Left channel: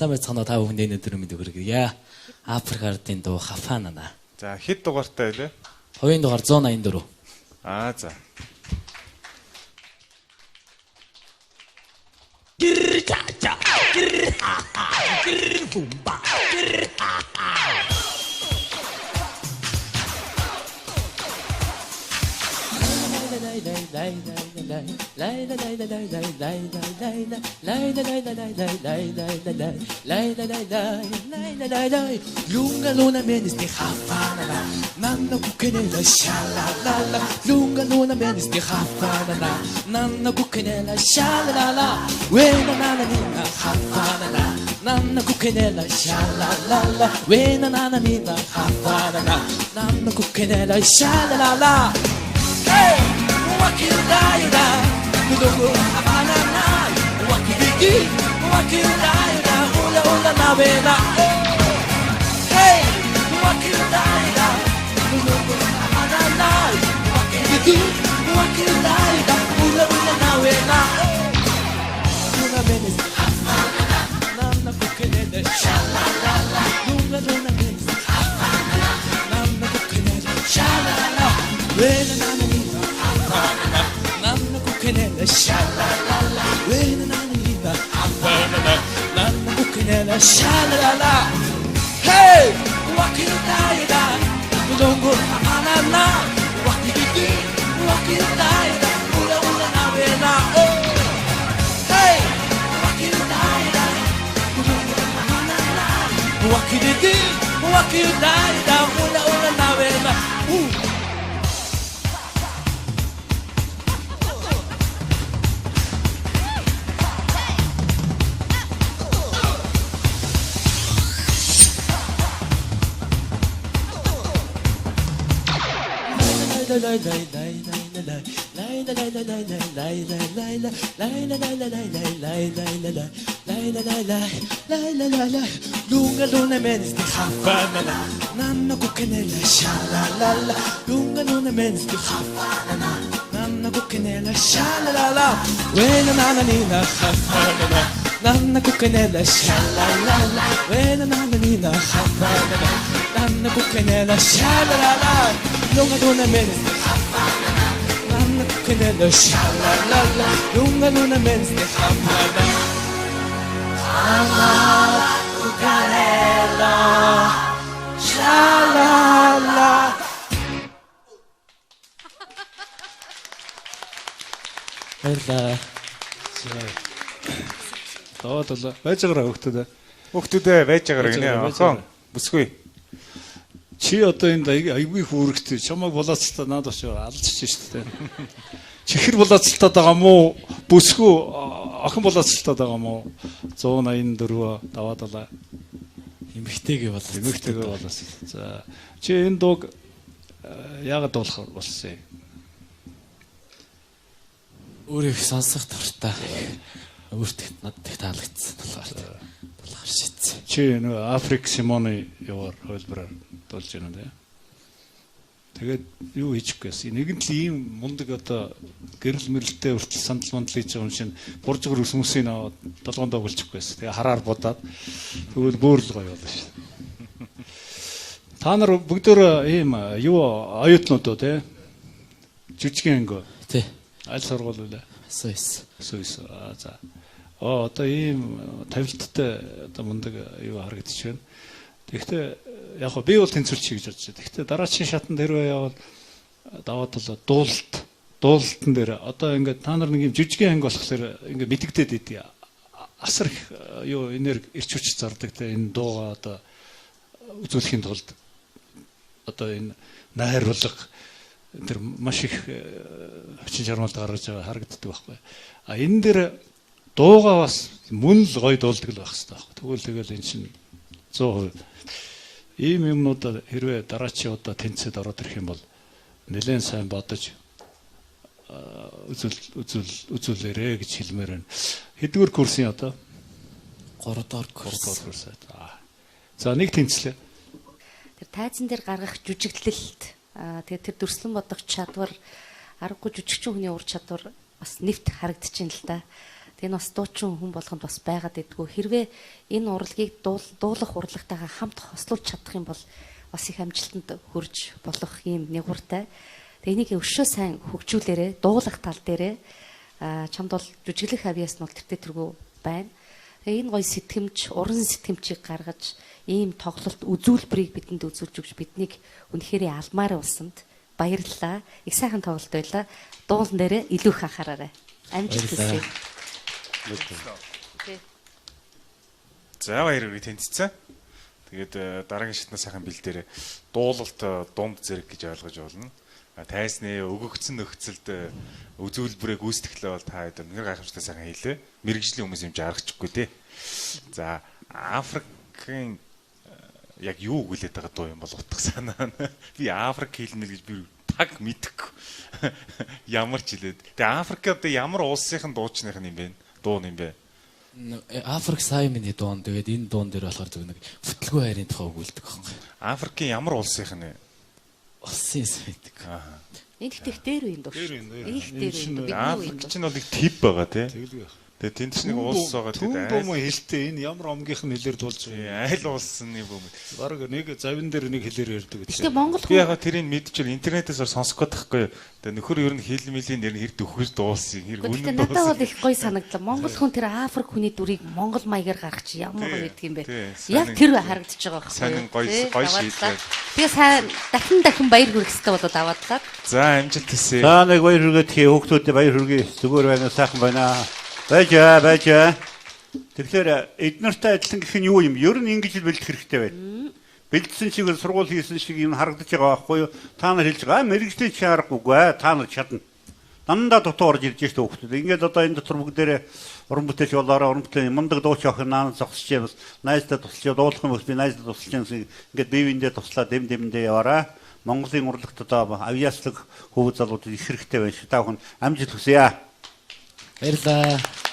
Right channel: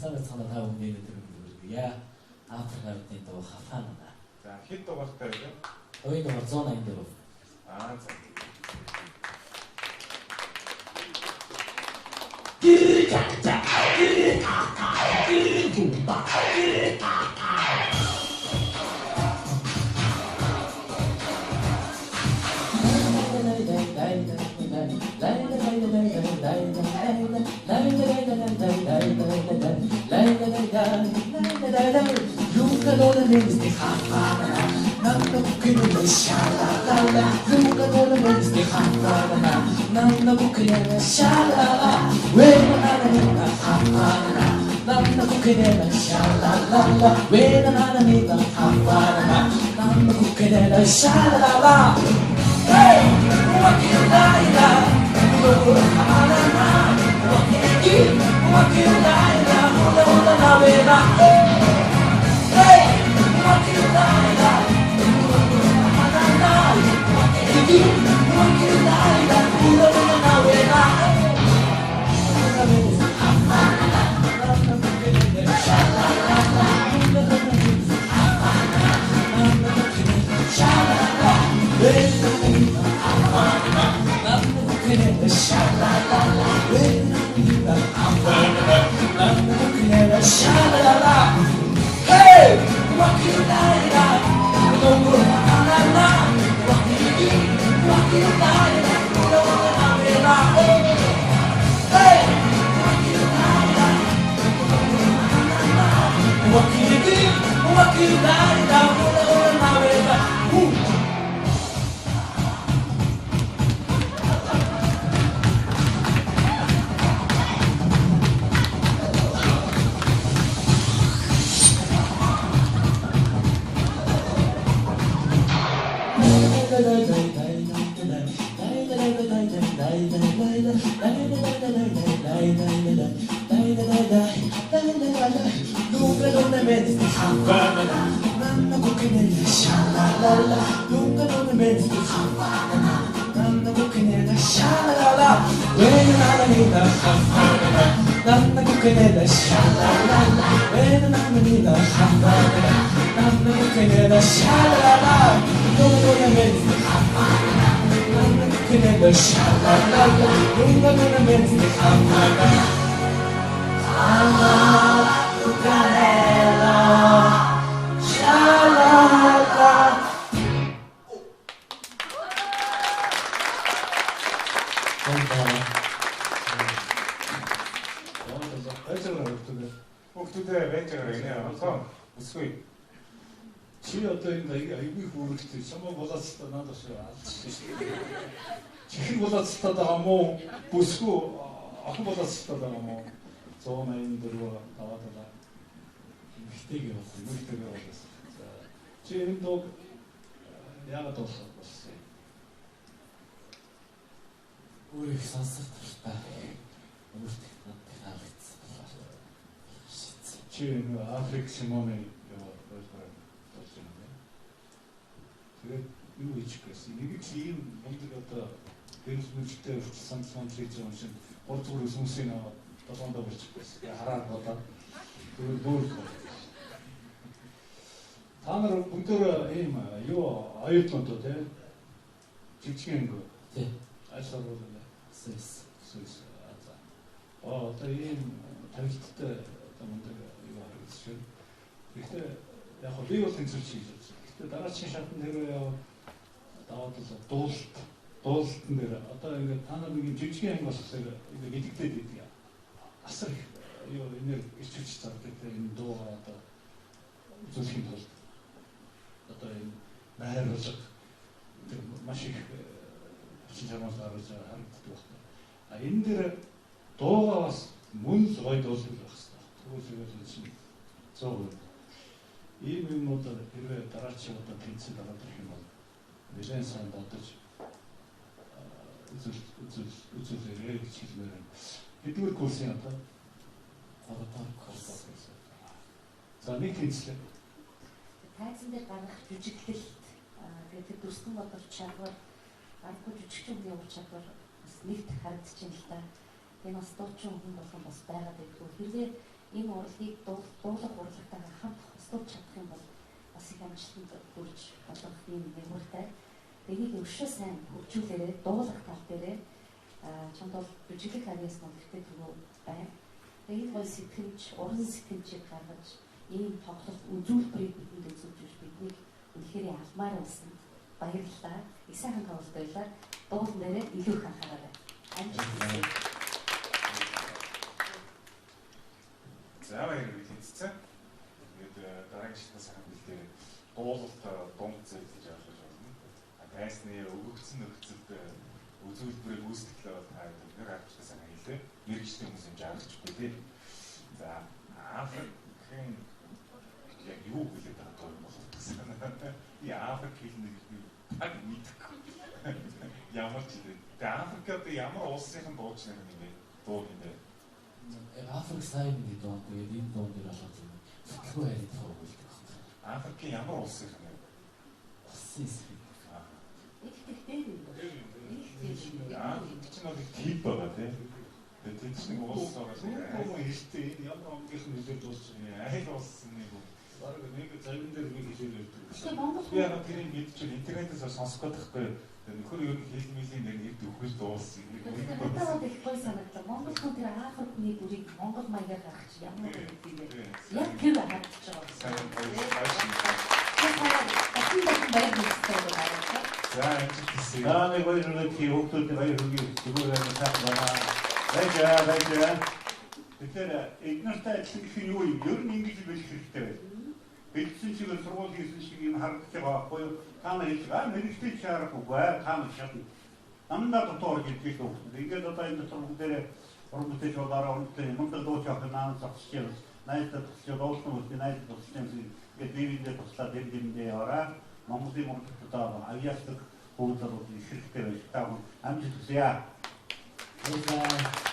сайн байцгаана та бүхэнд өнөөдөр мэд хүргье. Африк ардын дуу Хафанана. За хэд дугаартай вэ? Хоёрын дугаар 184. За. Lunga luna menis di Havanna, nanna bucanella shalalala. Lunga luna menis di Havanna, nanna bucanella shalalala. Wena nana mina Havanna, nanna bucanella shalalala. Wena nana mina Havanna, nanna bucanella shalalala. Hey, what can you do? Havanna, what can you do? What can you do? Ula ula na vela. Hey, what can you do? Havanna, what can you do? What can you do? Ula ula na vela. Havanna, nanna bucanella shalalala. Havanna, nanna bucanella shalalala. Wena nana mina Havanna, nanna bucanella shalalala. Wena nana mina Havanna, nanna bucanella shalalala. Hey, what can you do? Don't go Havanna. What can you do? What can you do? Ula ula na vela. Hey, what can you do? Don't go Havanna. What can you do? What can you do? Ula ula na vela. Lunga luna menis di Havanna, nanna bucanella shalalala. Lunga luna menis di Havanna, nanna bucanella shalalala. Wena nana mina Havanna, nanna bucanella shalalala. Wena nana mina Havanna, nanna bucanella shalalala. Lunga luna menis di Havanna, nanna bucanella shalalala. Lunga luna menis di Havanna. Bucanella shalalala. Доодлоо. Байж байгаараа хөгтөдөө. Хүүхдүүдээ байж байгаарай гинэ. Охон бүсгүй. Чи одоо энд айгүй хүүрэгтэй. Чамайг булаацалтаа надад очиж алдчих шүү дээ. Чихэр булаацалтаад байгаа мó? Бүсгүй охин булаацалтаад байгаа мó? 184 даваадлаа. Эмэгтэйгээ бол Эмэгтэйгээ булаасан. За чи энэ дууг яагаад дуулах болсон юм? өөрийг сонсох дуртай. Өөртөө надад их таалагдсан болохоор шийдсэн. Чи нэг Африк Симоны яваар хөлбөрөөр дуулж байна дээ. Тэгээд юу хийчих гээсэн. Нэгэн л ийм мундаг одоо гэрэл мэрэлтэй хүртэл сандал мандал хийж байгаа юм шиг буржгөр өсмөсийн аваад долгоонд оголчих гээсэн. Тэгээ хараар будаад тэгвэл бүр л гоё болно шүү. Та нар бүгдөө ийм юу оюутнууд уу те? Жижигэн ангио. Тий. Аль сургууль вэ? Сойс. Сойс. За. Одоо ийм тавилттай одоо мундаг юу харагдчих байна. Тэгэхдээ яг би бол тэнцвэрч гэж бодож байна. Тэгэхдээ дараагийн шатанд хэрвээ яваад даваад бол дуулалтан дээр одоо ингээд та нар нэг юм жижигэн анги болохоор ингээд мэдэгдээд идэв. Асар их юу энерги ирч хүч зардаг те энэ дууга одоо үзүүлэхийн тулд одоо энэ найруулга тэр маш их хүчин чармайлт гаргаж байгаа харагддаг байхгүй. А энэ дээр дууга бас мөн л гоё дуулдаг л байх хэрэгтэй байхгүй. Тэгвэл энэ чинь 100% ийм юмнууд хэрвээ дараачийн удаа тэнцэд ороод ирэх юм бол нэлээд сайн бодож үзүүлээрэ гэж хэлмээр байна. Хэдгээр курсын одоо 3 дугаар курс. За нэг тэнцлээ. Тэр тайзан дээр гаргах жүжиглэлт тэгээд тэр дүрслэн бодох чадвар аргагүй жүжигчин хүний ур чадвар бас нэвт харагдчихээн л да. Тэгээ энэ бас дуучин хүн болгонд бас байгаад идэггүй. Хэрвээ энэ урлагийг дуулах урлагтайгаа хамт хослуулж чадах юм бол бас их амжилтанд хүрж болох юм нэгуртай. Тэгээ энийг өшөө сайн хөгжүүлээрэ, дуулах тал дээрээ чамд бол жүжиглэх авьяас нь бол тэртэргүй байна. Тэгээ энэ гоё сэтгэмж, уран сэтгэмжийг гаргаж ийм тоглолт үзүүлбэрийг бидэнд үзүүлж өгч биднийг үнэхээр алмаар улсанд баярлалаа. Их сайхан тоглолт байлаа. Дуулан дээрээ илүү их анхаараарай. Амжилт хүсье. За баяр үргэлж тэнцсэн. Тэгээд дараагийн шатнаа сайхан бэлдээрээ дуулалт дунд зэрэг гэж ойлгож болно. Тайсны өгөгдсөн нөхцөлд үзүүлбэрээ гүйцэтгэлээ бол та хэд нэг гайхамшигтай сайхан хийлээ. Мэргэжлийн хүмүүс юм жаарчихгүй тий. За Африкийн яг юу хүлээд байгаа дуу юм бол утга санаа. Би Африк хэлнэ гэж би таг мэдэхгүй. Ямар ч хэлээд. Тэгээ Африкад ямар улсынхан дуучных юм бэ? Дуу юм бэ? Африк Саймны дуун тэгээд энэ дуун дээр болохоор зөв нэг бүтлгүй хайрын тухай өгүүлдэг байхгүй. Африкийн ямар улсынхан вэ? Улсын сайдаг. Энэ их дээр үн дөө. Их дээр. Африк чинь бол их тип байгаа тий. Тэгээ тэнд ч нэг улс байгаа тий. Дуу мөн хэлтэй энэ ямар омгийнх нь хэлээр дуулж байгаа. Айл улсны бөм. Бараг нэг завин дээр нэг хэлээр ярьдаг гэдэг. Тэгээ Монгол би яга тэрийг мэдчихвэл интернетээс сонсох гээд тахгүй. Тэгээ нөхөр ер нь хэл мөлийн нэр хэрэг дөхөж дуулсан. Хэрэг үнэн дуулсан. Надад бол их гоё санагдлаа. Монгол хүн тэр Африк хүний дүрийг монгол маягаар гаргах чи ямар гоё гэдэг юм бэ? Яг тэр харагдаж байгаа байхгүй. Сайн гоё шийдлээ. Тэгээ сайн дахин баяр хүргэхтэй болоод аваадлаа. За амжилт хүсье. За нэг баяр хүргэе хүүхдүүдэд баяр хүргэе. Зүгээр байна сайхан байна. Бажа. Тэгэхээр эднэртэй адилхан гэх нь юу юм? Ер нь ингэж л бэлдэх хэрэгтэй байна. Бэлдсэн шиг сургууль хийсэн шиг юм харагдаж байгаа байхгүй юу? Та нар хэлж байгаа мэрэгчлээ чи харахгүйгээ та нар чадна. Дандаа дутуу орж ирж штэ хүүхдүүд. Ингээд одоо энэ дотор бүгдээрээ уран бүтээлч болоороо уран бүтээний мундаг дууч авах наан зогсож юм. Найздаа тусалж дуулах юм бол би найздаа тусалж юм. Ингээд бивэндээ туслаа дэм-дэм яваараа. Монголын урлагт одоо авьяаслаг хөвөг залууд их хэрэгтэй байна. Та бүхэн амжилт хүсье. Баярлалаа.